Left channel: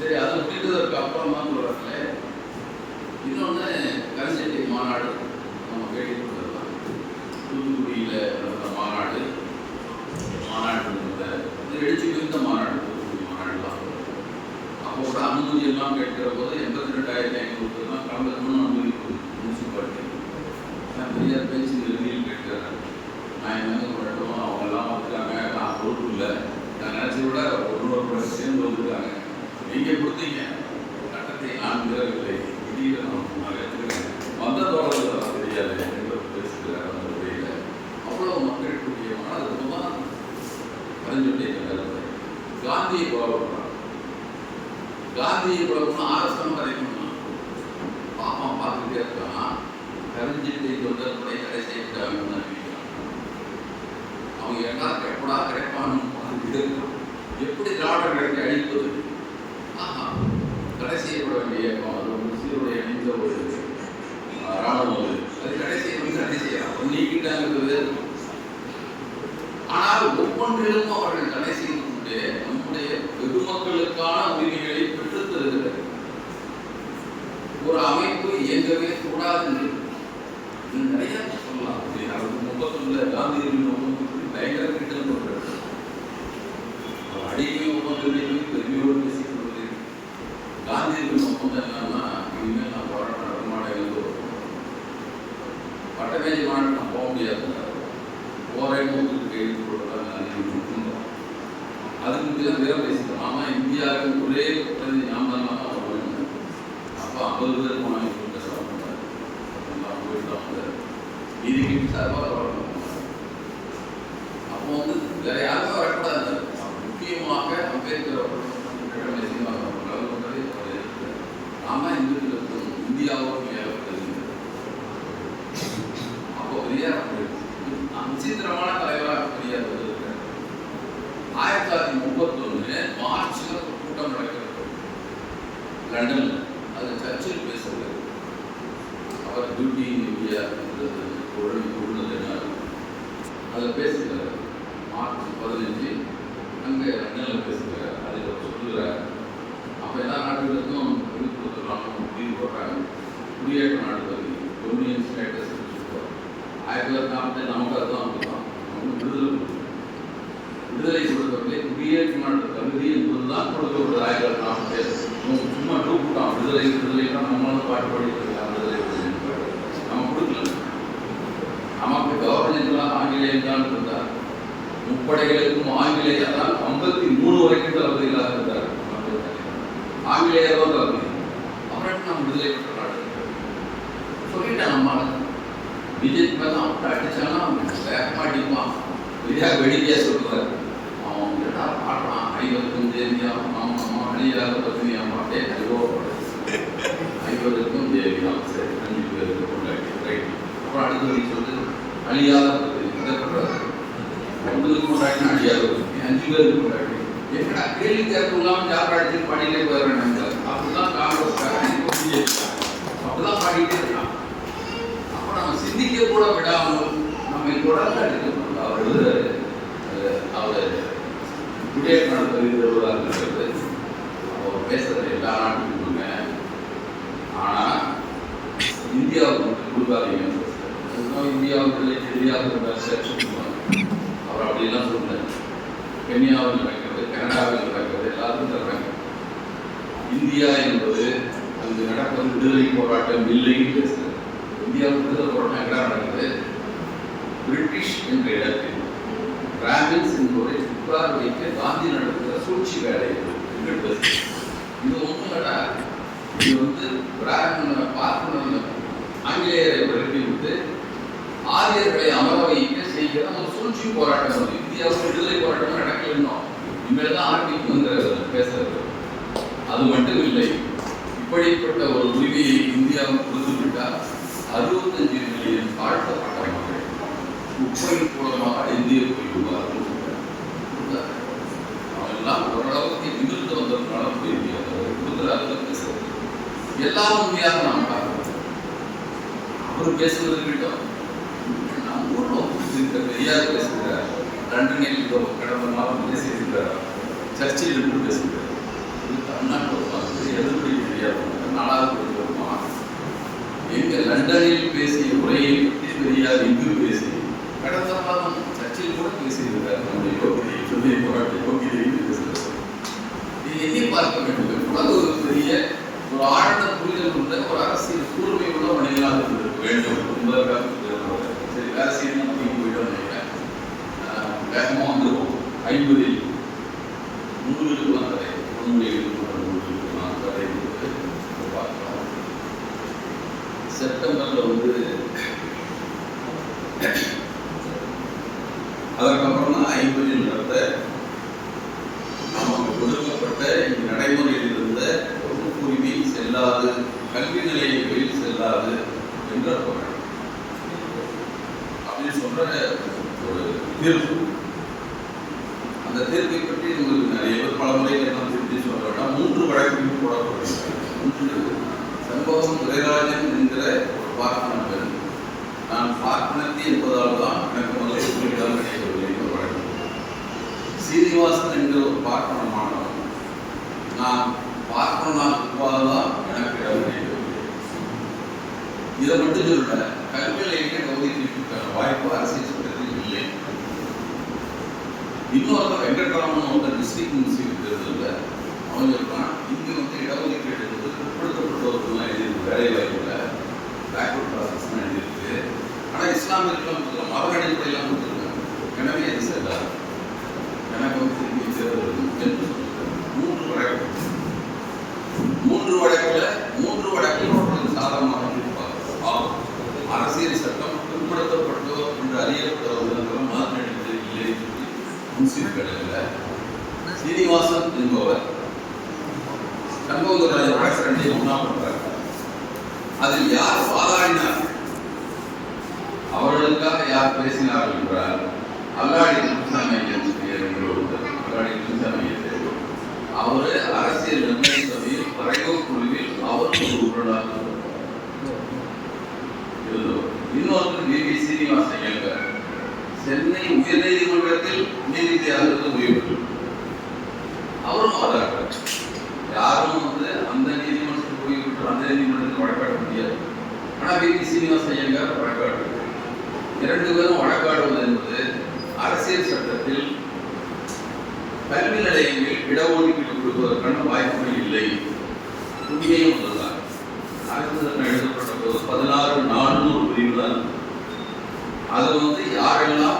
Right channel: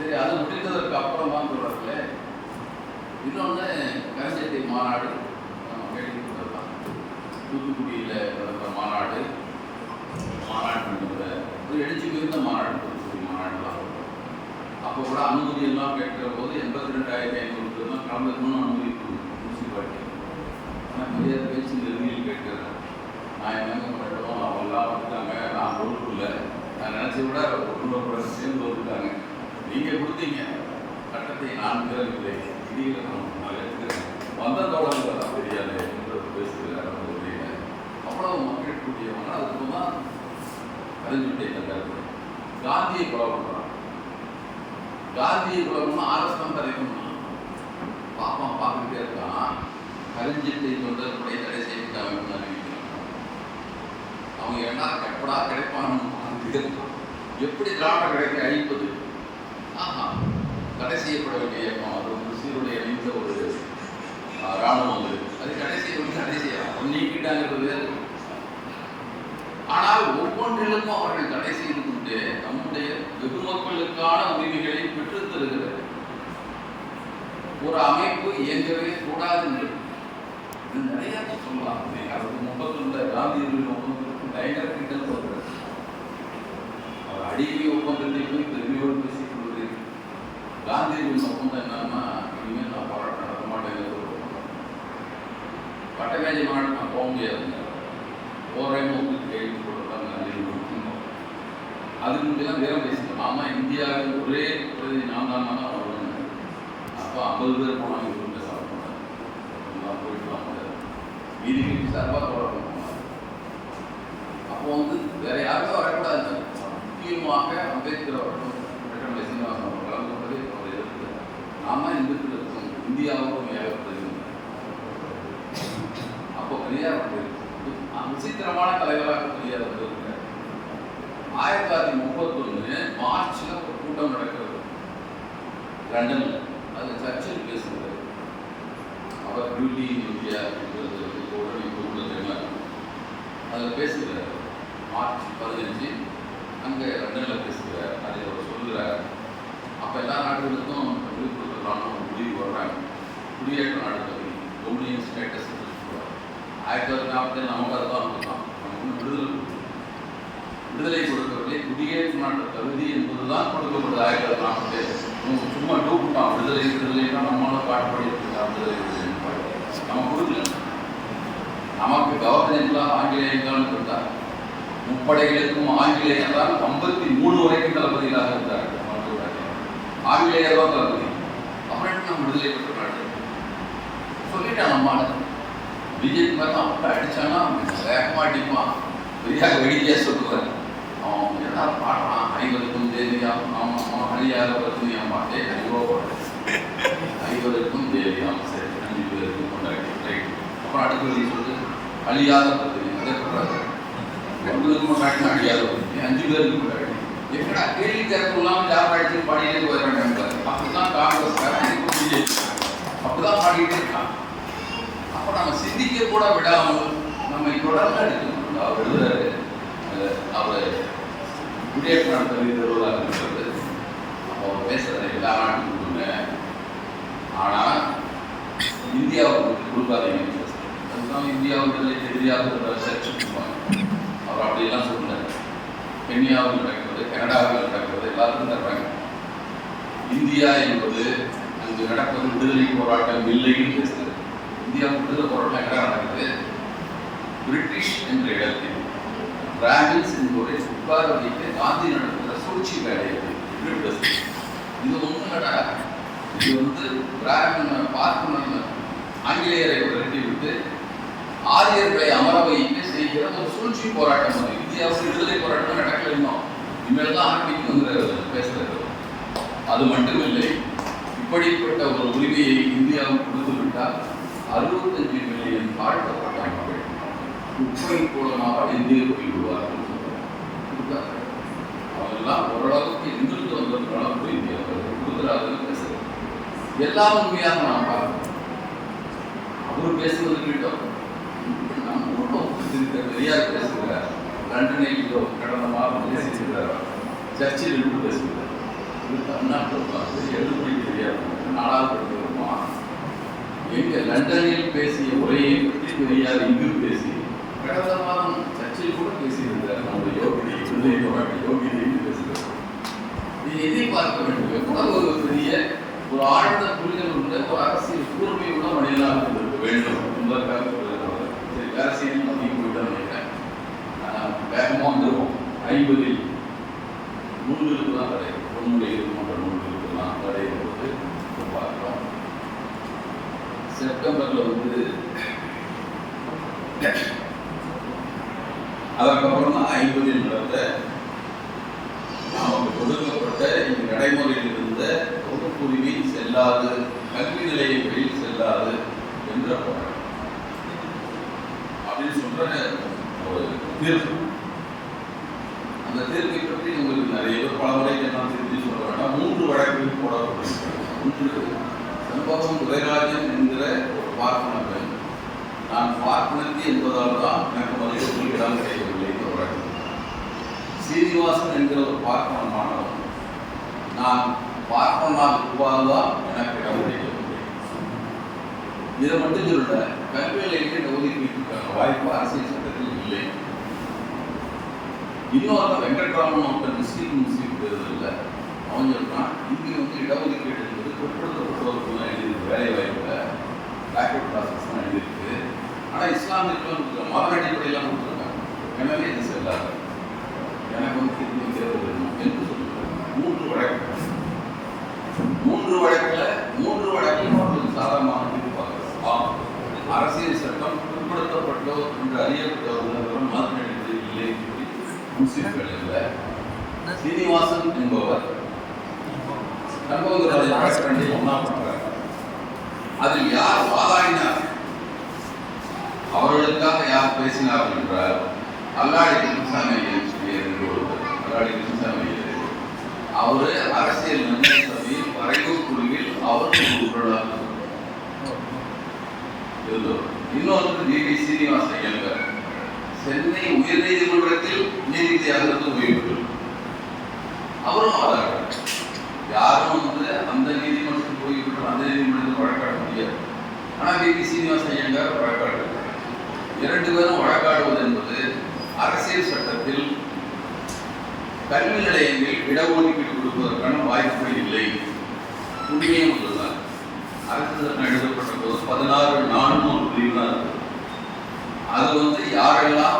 சரி அது முடிந்ததற்கு அப்புறமா சொல்கிறதுல இன்னொன்று கரஞ்செட்டி மாநாடு நம்ம கேட்டுக்கிட்டு வரலாம் தூத்துக்குடியில் நடந்த மாநாடு மாநாடு நடந்த இது எழுச்சி மிகுந்த மாநாடு தூத்துக்குடி மாநாடு தான் அப்போ கூட அனுமதி எல்லாம் கேட்கிற போது எண்பத்தி ரெண்டாயிரத்தி ஐநூறு பேர்லாம் கலந்துக்கணும்னு அனுமதி முனிசிபாலிட்டி ஆனால் பெரியார் பேச்சு இறுதியில் கேட்கிறார் நான் என்னங்க பண்ணட்டும் அவங்க எல்லாம் வந்துட்டாங்க நான் பொறுப்பு இல்லை நான் நினச்சி விட ஒரு இன்னொரு பேர் சேர்ந்து வந்துட்டாங்க நீங்கள் கொடுத்தீங்க சட்டத்தை நான் மீறவில்லை விதிகளை நான் ஏற்றுக்கிறேன் வந்த தொடர்பு தான் தெரியாது என்பது பேசுகிறார் அந்த உரையில் அவ்வளவு மக்கள் கூட்டியவங்க அதுக்கு தான் அறிஞ்சுட்டை கண்டறிவது காந்தியை புறப்படுறாங்க காந்தியை புறப்படணும் ஆர்எஸ்எம் கதைக்கணும் பாப்பா பார்த்துட்டே இருக்கான். கரிஞ்சிட்டை தொண்டர்களுடைய கடை செய்துட்டாங்க அவங்க என்ன கிடைப்படா கிடைப்பான்னு எப்படி திராவிட கிடைக்க அழிப்பது? ஆஹா தடை செய்யப்பட வேண்டிய அது ஒரு சீருடைய அணிந்த ஒரு ராணுவம் அது. அது தடை செய்யணும் தடை செய்யலாம் நீக்கிட்டாங்கிறது வேறு ஆனால் ஒவ்வொன்றிலும் அவர்கள் ஒப்பந்தம் இல்லாமல் இனிமேல் நான் போராட்டம் நடத்த மாட்டேங்கிறது ஒரு ஒப்பந்தம். பட்டமேஜை நான் போக முடியாது. போறேன்னு ஒருத்தருக்கு கைது கொடுக்குறாங்க அதுக்கு முன்னாடி வீரம் பேசிட்டோம் ஆமாம் இந்தியாவுக்கு ஒரே பிரதி நான் தான் அவர் வேணும் அப்போ ஐம்பது பேருக்கு வாங்கி கொடுக்க சாப்பிடுவாங்க எல்லாம் போயிட்டு வந்து நீதிக்கு சார்பாக போராட்டம் அப்போ வந்து வேற யாருமே வரக்கூடாது. முக்கியமாக அம்பேத்கர் அவர்கள் ரெட்டமலை சீனிவாசன் அவர்கள் கலந்து கொண்டதை அவர் எதிர்த்தார் நாம இந்துக்களுக்கும் இந்தியாவுக்கும் ஏகப்பட்டது அப்போ பெரியார் விசித்திரமான தலைவராக பெரியார் வந்திருக்கிறார் ஆயிரத்தி தொள்ளாயிரத்தி முப்பத்தொன்னு மார்ச்ல ஒரு கூட்டம் நடக்கிறது லண்டன்ல அது சர்ச்சில் பேசுகிறார் அவர் டியூட்டி இன் இந்தியா என்றது அதில் பேசுகிறார் மார்ச் பதினஞ்சு அங்கே லண்டனில் பேசுகிறார் அதை அவர் சொல்லுகிறார். அப்போ எல்லா நாடுகளுக்கும் விழுப்புரத்துலாம் முடிவு போடுறாங்க. குடியேற்ற நாடு டொமினியன் ஸ்டேட்டஸ் ஆயிரத்தி தொள்ளாயிரத்தி நாற்பத்தி நமக்கு விடுதலை விடுதலை கொடுக்கவில்லை குடியேற்ற நாடு தகுதி என்பதுதான் கொடுக்கப்படுது. ஆயிரத்தி தொள்ளாயிரத்தி நாற்பத்தி சும்மா டூப்பிட்டான் விடுதலை விடுதலைக்கு நம்மளும் பாட்டு படிக்கலாம் விடுதலை விடுதலை நம்ம கொடுக்கல நமக்கு ஆங்கிலேயம் தான் இருந்தார் முப்படைகளுக்கும் ஆங்கிலேயர் தான் ஐம்பத்தி மூணு வரைக்கும் தளபதிகளாக இருந்தார் ஆங்கிலேயர் தான் தளபதி. அப்புறம் நம்ம விடுதலை பெற்ற நாடு? சொல்லிட்டான் நம்மால. பிஜேபி மேல அவன் அடிச்சானா? அவன் வேகமா அடிப்பான். பெரியார் வெடிக்கையா சொல்லுவார். அவன் என்னடா பாடுறான் ஐவருக்கும் தேவியா ஆமா ஆமா அழியாத பிரச்சனையா? மாட்டே ஐயோ ஐவருக்கும் தேவியா சரி அஞ்சு பேருக்கு கொண்டாடி ரைட் அப்புறம் அடுத்தது சொல்லிட்டு அழியாத பிரச்சனை அதை சொல்றாரு ஒன்றுக்கு அழியாத பிரச்சனை அஞ்சு பேருக்கு கொண்டாடி என்னடா கேள்வி தேர்வு இல்லாமல் யார் அடிச்சு பாடிட்டே போயிடுறாங்க அப்படிதான் காங்கிரஸ் பிஜேபி அப்படிதான் பாடிட்டே இருக்கான். அப்போ நம்ம சிந்திக்க கூட விடாமல் நம்ம தொடர்ந்து அடிக்கணும் அவர் எழுதுறாரு அஹ் அவர் குடியேற்ற நடத்த எழுதுவதாக இருக்கிறது. அவர் பேசுறது எல்லா நாட்டுக்கும் கொடுங்க. ஆனால் இந்தியாவுக்கு கொடுக்காதீங்கன்னு பேசுறாரு அதுதான் இந்தியாவுக்கு இல்லை இந்தியாவுக்கு சர்ச்சு கொடுப்பாங்க அவர் அப்படியெல்லாம் சொல்றாரு கென்யாவில் நடக்கிறது கனடாவில் நடக்கிறது எல்லாத்துக்கும் தர்றாங்க. இந்தியா என்பது அங்கு நடப்பது விடுதலை போராட்டம் இல்லைன்னு பேசுறது. இந்தியா விடுதலை போராட்டம் எங்கடா நடக்குது? பிரிட்டிஷ் என்ற இடத்தில். பிராமின்ஸ் என்பதை உட்கார வைத்து காந்தி நடத்துகிற சூழ்ச்சி வேலை இது. இது ஒன்றும் இல்லடா. இது வந்து பிராமின் பார்ப்பன ஆங்கிலேயரை விரட்டி விட்டு ஆரியர்களை அமர வைத்து செய்கிற ஒரு சூழ்ச்சி போராட்டம் அது இந்தியாவுக்கு விடுதலை போராட்டம் நடக்கல இன்னும். இனிமேல் தான் ஆரம்பிக்குங்கிற பேசுறது. அது மட்டும் இல்லை இப்படிப்பட்ட ஒரு உரிமையை இந்தியாவுக்கு கொடுத்துவிட்டால் அறுபத்தஞ்சு மில்லியன் தாழ்த்தப்பட்ட மக்கள் குப்பை மூலமாக இந்திய போய்விடுவார்கள் அவங்கெல்லாம் ஓரளவுக்கு நிமிர்ந்து வந்ததுனால போய் இந்தியாவில் கொடுக்குறாரு பேசுறது. எல்லாம் உண்மையாக நாம் பார்க்கணும் அவர் பேசுவது விட்டோம் ஊர்ல பெரியார் பேசுகிறார் லண்டனில் இதோ கடந்த மாதம் பேசியிருக்கிறார் சர்ச்சில் இருந்து பேசுகிறார் இது தமிழ்நாட்டில் பார்த்து எழுதுபடி பெரியார் நாலாவது கொடுத்துருப்பான் எங்க லண்டனில் பேசிய உரையை பற்றி பெரியார் இங்கு பேசி. கடந்த மாதம் சர்ச்சில் கூட பேசியிருந்தார் அந்த யோகிதை சொல்லி யோகிதை பேசுகிறார் இது எதை வேண்டும். எவ்வளவு ஒரு பெரிய ஒரு ஆழ்ந்த புரிதல் உள்ள ஒரு அரசியல் கூர்மை உள்ள மனிதனாக இருந்திருக்க வேண்டும் என்பதற்காக சொல்லியிருக்கிறார் சரி வேலை செய்யணும் அப்படின்னு போயிட்டு நினைக்கிறேன் ஆஹ் வேகமா வந்துருவோம் ஐம்பதில் நூல்களுக்கு தான் தடை. பொன்முடைய போன்ற நூல்களுக்கு தான் தடை என்பது பார்க்கலாம் செப்டம்பரில் வந்து அதற்கப்புறம் தான் ஐம்பதில் நடந்த நமக்கு கொடுக்கப்பட்ட இங்கு நடைமுறையில் இருந்த உரிமை செல்லாது கல்வி நிலையங்களில் செல்லாது என்ற அப்படின்னு சொல்ற ஒரு தீர்ப்பு அந்த தீர்ப்பை பற்றி உங்களுக்கு நிறைய பேர் பல முறை நான் திருப்பி சொல்ல வேண்டாம் மூன்று வழக்குகள் இன்று ஒன்று சம்பவம் துரைராஜன் என்கிற பார்ப்பன பெண். நான் பார்ப்பனத்தி என்பதால் தான் எனக்கு முதலில் இடம் கிடைக்கவில்லை என்று வழக்கம். சீனிவாசன் என்கிற ஒரு பார்ப்பன மாணவன் நான் பார்ப்பனால் உருவாதான் எனக்கு இடம் கிடைக்கவில்லை. இதை மட்டும் சொல்ல கல்வி நிலையத்தில் ஒதுக்கீட்டுக்கான வாய்ப்பு அரசியல் சட்டத்தில் இல்லை. இன்னொரு வெங்கட்ராமன் ஒருத்தர் டிஸ்ட்ரிக்ட் மினிஸ்ட்ரி தேர்தலில் அவன் சொல்றான் இங்கே வந்து இடஒதுக்கீடு வேலை வாய்ப்புல பேக்வர்ட் ப்ராசஸ் எழுதியிருக்கு. ஆனால் இஸ்லாமியர்கள் மத அடிப்படையில் கொடுத்துருக்காங்க. எனவே இது செல்லாது எனக்கு வந்து திரும்பி தேர்தல் என்று சொல்லுங்கள் மூன்று வழக்கு. மூன்று வழக்கில் மூன்று வழக்கில் அவர்கள் சாதகமாக இருப்பாங்க ஆம் அரசியல் சட்டம் பிற்படுத்தப்பட்டோர் என்று அறியப்பட்டவர்கள் மத அடிப்படையில் இல்லை என்று சொல்லி முன்சீர்களில் சீனிவாசன் என்பவர் சண்முகராஜன் வழக்கு ரெண்டையும் ஒன்றாம் அதில் யார் வாதாடினார்? அவர்களுக்காக யார் பேசினார் என்றால் அல்லாடி கிருஷ்ணசாமி இரண்டு பேரும் வழக்காடுவது என்பது அரசியல் சட்டத்தில் கல்வி நிலையங்களில் இடஒதுக்கீடு கொடுப்பதற்கான வாய்ப்புகள் இல்லை. முடியும் ஒன்றுதான் அரசு சட்டம் எழுதப்பட்ட போது பதினாறு நானூறு பிரிவு தான். அது வந்து யாரெல்லாம்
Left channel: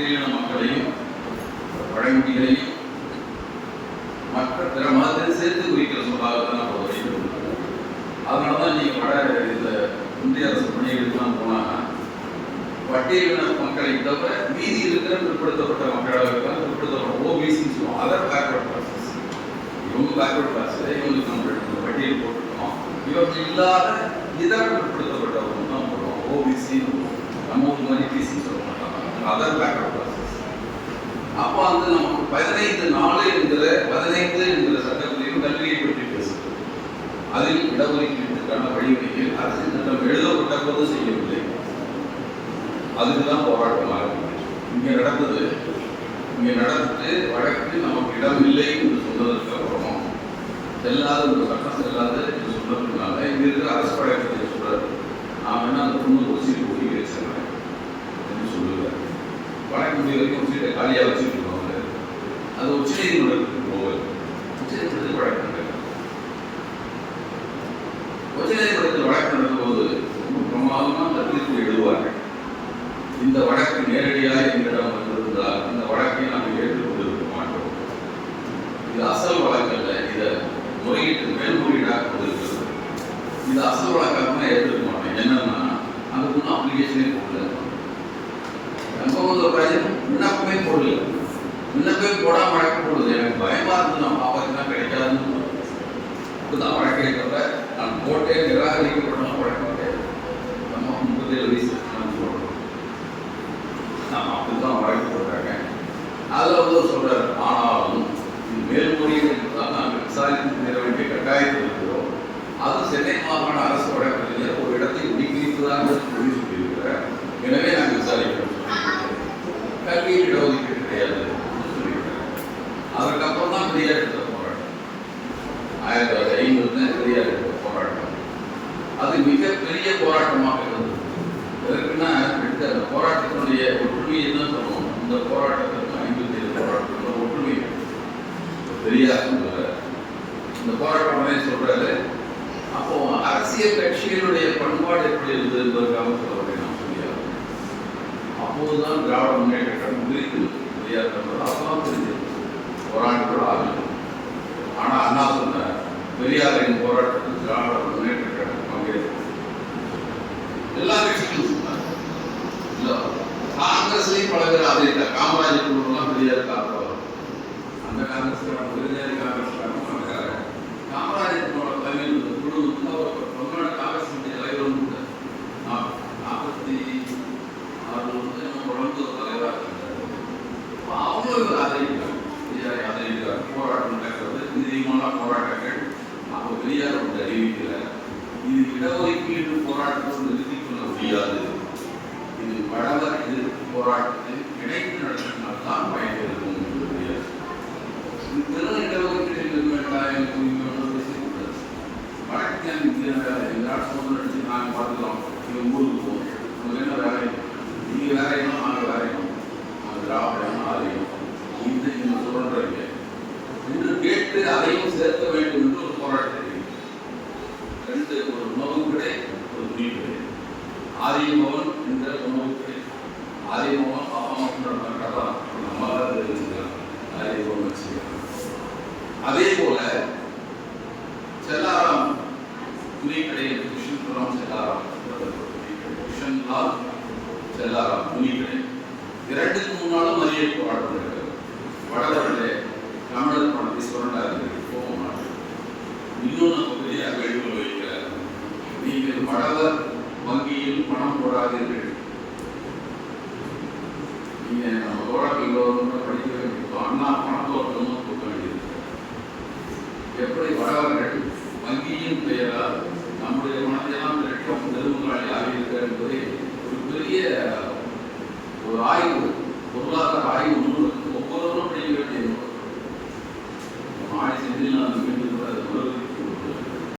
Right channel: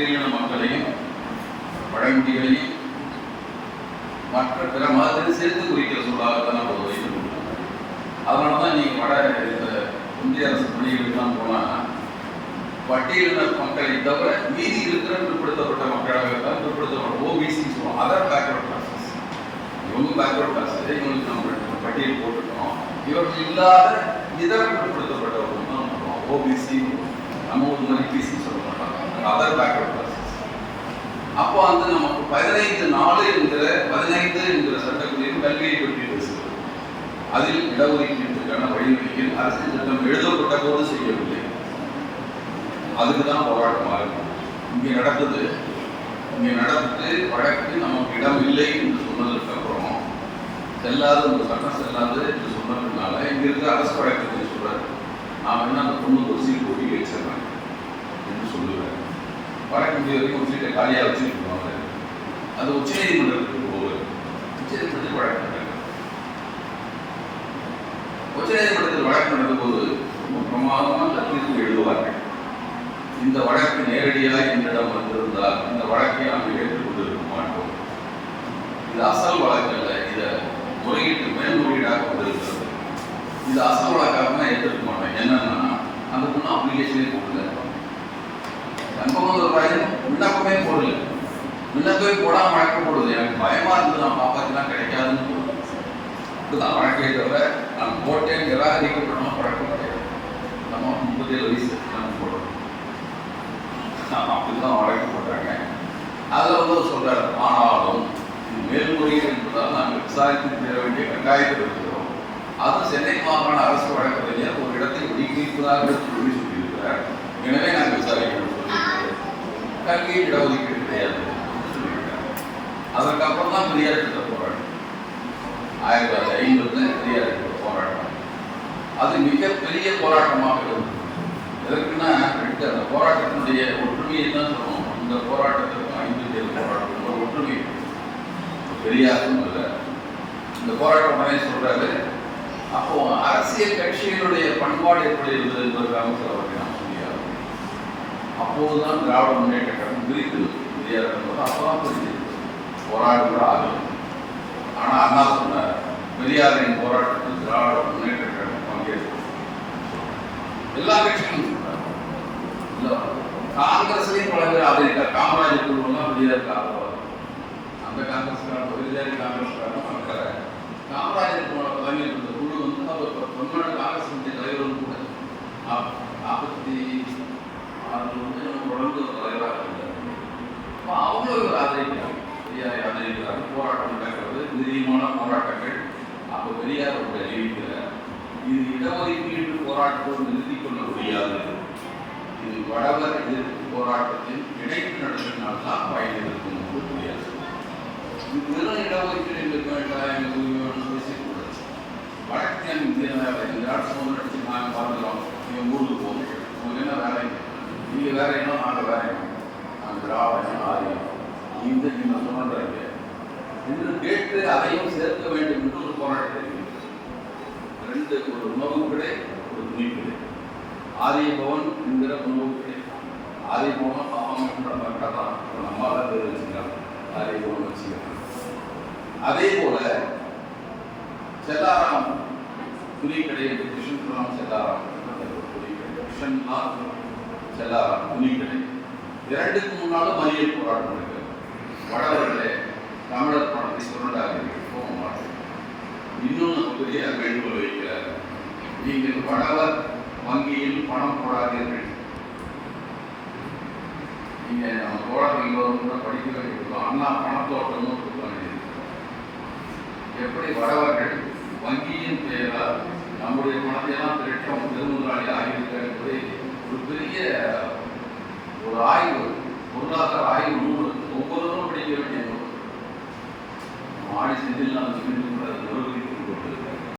மட்டுமில்லை மக்களையும் பழங்குடிகளையும் மற்ற பிற மதத்தை சேர்த்து குறிக்கிற சொல்லாக தான் நம்ம வைத்துக் அதனால தான் நீங்கள் வட இந்த இந்திய அரசு பணிகளுக்கெல்லாம் போனால் பட்டியலின மக்களை தவிர மீதி இருக்கிற பிற்படுத்தப்பட்ட மக்களாக தான் பிற்படுத்தப்பட்ட ஓபிசி சொல்லுவோம் அதர் பேக்வர்ட் கிளாஸஸ் இவங்க பேக்வர்ட் கிளாஸ் இவங்களுக்கு நம்ம பட்டியல் போட்டுருக்கோம் இவர்கள் இல்லாத இதர பிற்படுத்தப்பட்டவர்கள் தான் போடுறோம் ஓபிசி நம்ம ஒரு மாதிரி பிசி சொல்ல மாட்டாங்க. அதர் பேக்கப் கிளாஸஸ் அப்போ வந்து நமக்கு பதினைந்து நாலு என்கிற பதினைந்து என்கிற சட்டத்திலையும் கல்வியை பற்றி பேசுகிறது அதில் இடஒதுக்கீட்டுக்கான வழிவகையில் அரசு சட்டம் எழுதப்பட்ட போது செய்யவில்லை. அதுக்கு தான் போராட்டமாக இருக்கும் இங்கே நடந்தது. இங்கே நடந்துட்டு வழக்கு நமக்கு இடம் இல்லை என்று சொன்னதற்கு அப்புறம் செல்லாத ஒரு சட்டம் செல்லாது என்று சொன்னதுனால இங்கே இருக்கிற அரசு வழக்கறிஞர் சொல்றாரு. நான் என்ன அந்த பொண்ணு ஒரு சீட் ஒதுக்கி வச்சேன் என்று சொல்லுவார் வழக்கு வரைக்கும் ஒரு சீட்டை காலியாக வச்சுருக்கோம் அது உச்ச நீதிமன்றத்துக்கு போகுது உச்ச நீதிமன்றத்தில் வழக்கு நடக்குது உச்ச நீதிமன்றத்தில் வழக்கு நடக்கும்போது ரொம்ப பிரமாதமாக அந்த தீர்ப்பு எழுதுவார்கள். இந்த வழக்கு நேரடியாக என்னிடம் வந்திருந்தால் இந்த வழக்கை நாங்கள் ஏற்றுக்கொண்டிருக்க மாட்டோம். இந்த அசல் வழக்கல்ல இதை முறையீட்டு மேல்முறையீடாக கொண்டிருக்கிறது. இந்த அசல் வழக்காக ஏற்றுக்க மாட்டேன் என்னன்னா அந்த பொண்ணு அப்ளிகேஷனே கொடுக்கல. சம்பவம் ஒரு பையன் விண்ணப்பமே போடல. விண்ணப்பமே போடாம வழக்கு போடுது. எனக்கு பயமா இருந்தது நான் பாப்பாக்கெல்லாம் கிடைக்காதுன்னு தோணுது. இப்படிதான் வழக்கை தவிர நான் போட்டேன் நிராகரிக்கப்படணும் வழக்கு கிடையாது நம்ம முப்பத்தேழு வயசு. நம்ம போடுறோம் நான் அப்படிதான் வழக்கு போட்டாங்க. அதில் வந்து சொல்றாரு ஆனாலும் மேல்முறையீடு என்பதால் நாங்கள் விசாரித்து தர வேண்டிய கட்டாயத்தில் இருக்கிறோம் அது சென்னை மாகாண அரசு வழக்கறிஞர் ஒரு இடத்தை ஒதுக்கியிருப்பதாக சொல்லி சொல்லியிருக்கிறார். எனவே நாங்கள் விசாரிக்கிறோம். கல்வி இடஒதுக்கீடு கிடையாது அப்படின்னு அப்புறம் தான் பெரியார் எடுத்த போராட்டம் ஆயிரத்தி தொள்ளாயிரத்தி ஐம்பதுல பெரியார் எடுத்த போராட்டம் அது மிகப்பெரிய போராட்டமாக இருந்தது எதற்குன்னா எடுத்து அந்த போராட்டத்தினுடைய ஒற்றுமையை தான் சொல்லணும் இந்த போராட்டத்திற்கு ஐம்பத்தி ஏழு போராட்டம் ஒரு ஒற்றுமை பெரியாருக்கும் பெரியார் இந்த போராட்டம் உடனே சொல்றாரு அப்போ அரசியல் கட்சிகளுடைய பண்பாடு எப்படி இருந்தது என்பதற்காக அப்போதுதான் திராவிட முன்னேற்ற கழகம் விரித்து பெரியார் சொன்னது அப்பதான் புரிஞ்சது போராட்டம் ஆகும் ஆனால் அண்ணா சொன்னார் பெரியாரின் போராட்டத்தில் திராவிட முன்னேற்ற கழகம் பங்கேற்கும். எல்லா கட்சிகளும் சொன்னார். இல்லை காங்கிரஸ்லயும் பல பேர் ஆதரித்தார். காமராஜர் குழுவெல்லாம் பெரியார் காரணம் அந்த காங்கிரஸ் பெரியாரி காங்கிரஸ் காமராஜர் தலைமையில் இருந்த குழு வந்து அவர் பொன்னாடு காங்கிரஸ் தலைவர் கூட நாற்ப- நாற்பத்தி ஆறுல வந்து நம்ம தொடர்ந்து ஒரு தலைவராக இருந்தார் அப்ப அவங்களும் இவர் ஆதரிக்கிறாங்க பெரியாரை ஆதரிக்கிறாங்க போராட்டம் நடக்கிறது நிதியமான போராட்டங்கள் அப்போ பெரியார் ஒன்று அறிவிக்கிறார் இது இடஒதுக்கீடு போராட்டத்தை நிறுத்தி கொள்ள முடியாது. இது வடவர் எதிர்ப்பு போராட்டத்தின் இணைப்பு நடத்தினால் தான் பயன் இருக்கும் என்று பெரியார் இது வெறும் இடஒதுக்கீடு எங்களுக்கு வேண்டாம் எனக்கு உரிமை வேணும்னு பேசிக்கூடாது வடக்கின் இந்திய வேலை எங்களால் சுதந்திரம் அடிச்சு நாங்கள் பார்க்கிறோம் எங்கள் ஊருக்கு போகும் உங்களுக்கு என்ன வேலை நீங்கள் வேலையெல்லாம் நாங்கள் வேலையும் நாங்கள் திராவிடம் ஆரியம் இந்த நீங்கள் சுதந்திரங்க என்று கேட்டு அதையும் சேர்க்க வேண்டும் என்று ஒரு போராட்டத்தை அறிவித்தார். ரெண்டு ஒரு உணவு கடை ஒரு துணி கடை ஆரிய பவன் என்கிற உணவு கடை ஆரிய பவன் பாப்பம் என்ற மக்கள் தான் நம்மளால அது வச்சுக்கிறாங்க ஆரிய பவன் வச்சுக்கிறாங்க அதே போல செல்லாராம் துணிக்கடை கிருஷ்ணபுரம் செல்லாராம் துணி செல்லாராம் துணிக்கடை. இரண்டுக்கு முன்னாலும் மறியல் போராட்டம் நடக்கிறது. வடவர்களே தமிழர் பணத்தை சுரண்டாதீர்கள் போக மாட்டோம் இன்னும் நம்ம பெரிய வேண்டுகோள் வைக்கிறார் நீங்கள் வடவர் வங்கியில் பணம் போடாதீர்கள். நீங்கள் நம்ம போராட்டம் எல்லோரும் படிக்க வேண்டும் அண்ணா பணத்தோட்டம் கொடுக்க எப்படி வரவர்கள் வங்கியின் பெயரால் நம்முடைய பணத்தையெல்லாம் திரட்டம் பெருமுதலாளி ஆகியிருக்க என்பது ஒரு பெரிய ஒரு ஆய்வு பொருளாதார ஆய்வு